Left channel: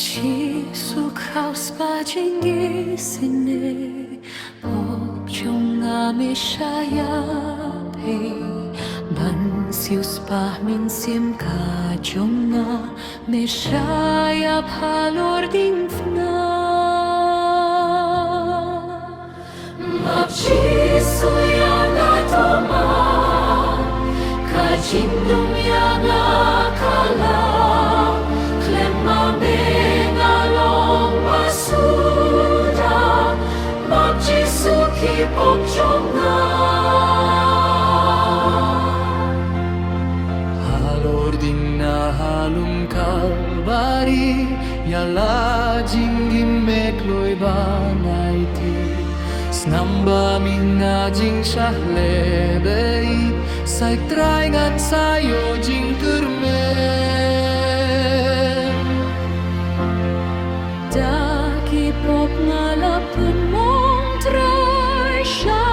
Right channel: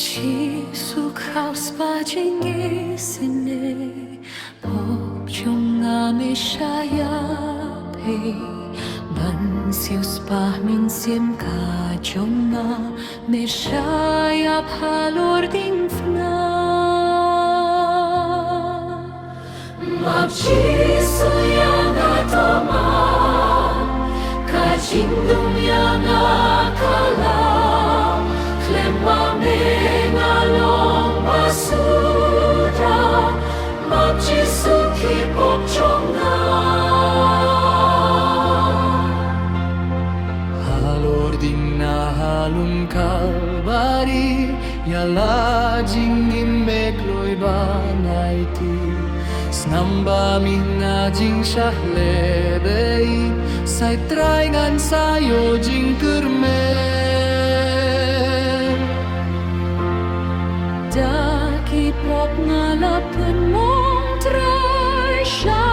ci słuchał spadzięgi syny, popciągamy szajapy, ban siêu spa min siem kacjonga, me szajap halor ding fna. Mapci suyanga toma, kacindum yanga kala, Klemma mengalong basura, Mapjisuki popchonga. Halor ding na halum kalbari, Yala jingim mekloy banaiti, Snamba minga jing shahlebei, Say traingan sayo jing kermen. Daki pop ngalapen mong try siya